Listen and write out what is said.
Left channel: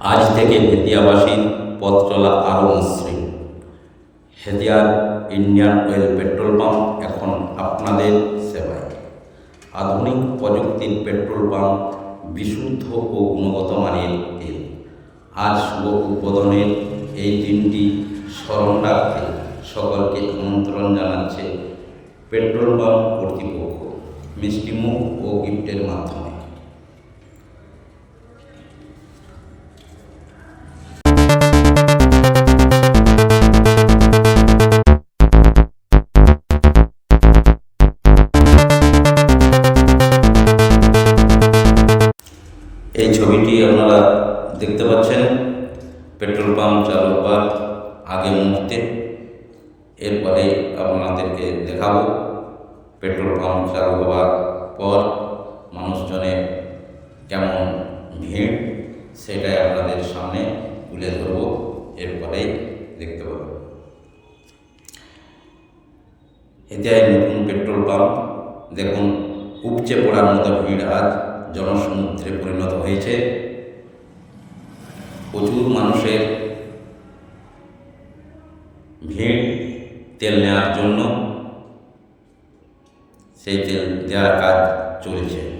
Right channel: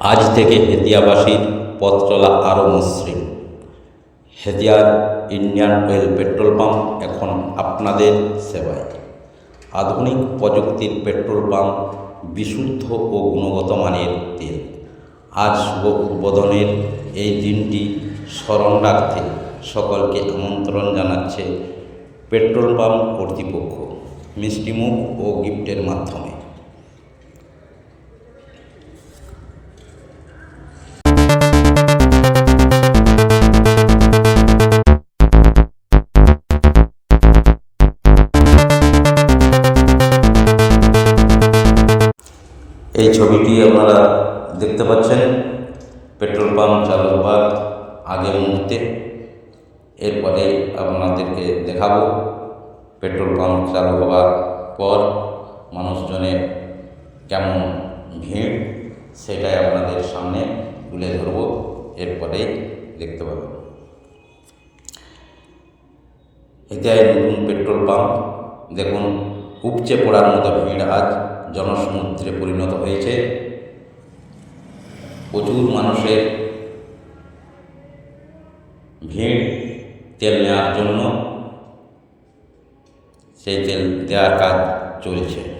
আজ থেকে হেতিয়াবাসীর পথ চলা আরও মসৃণ। হেতিয়ার ইন্ডিয়ান অয়েল পেট্রোল পাম্প এখন আপনাদের সেবায়। আধুনিক প্রযুক্তির পেট্রোল পাম্প বিশুদ্ধ ও গুণগত মানের তেল। আজ শুভ উদ্বোধনের এই দিনটি স্মরণ রাখতে সকলকে আমন্ত্রণ জানাচ্ছে পেট্রোল পাম্প কর্তৃপক্ষ, মিষ্টিমুখ ও গিফটের মাধ্যমে। ছবিটি আপনারা দেখতে পাচ্ছেন। পেট্রোল পাম্প চালু হবার আগে মুহূর্তে। এরপরে আপনাদেরকে দেখাবো পেট্রোল পাম্প চালু হবার পর মানুষজনের কেমন ভিড়, সেটাই আপনাদের সামনে তুলে ধরব। এরপরেই দেখতে পাবেন এটাই নতুন পেট্রোল পাম্প। দেখুন, উপচে পড়ার মতো ভিড় আজ। জনসমুদ্রে পরিণত হয়েছে। প্রচুর মানুষের ভিড় তেল নেওয়ার জন্য। সেই তেল দেওয়ার কাজ চলছে।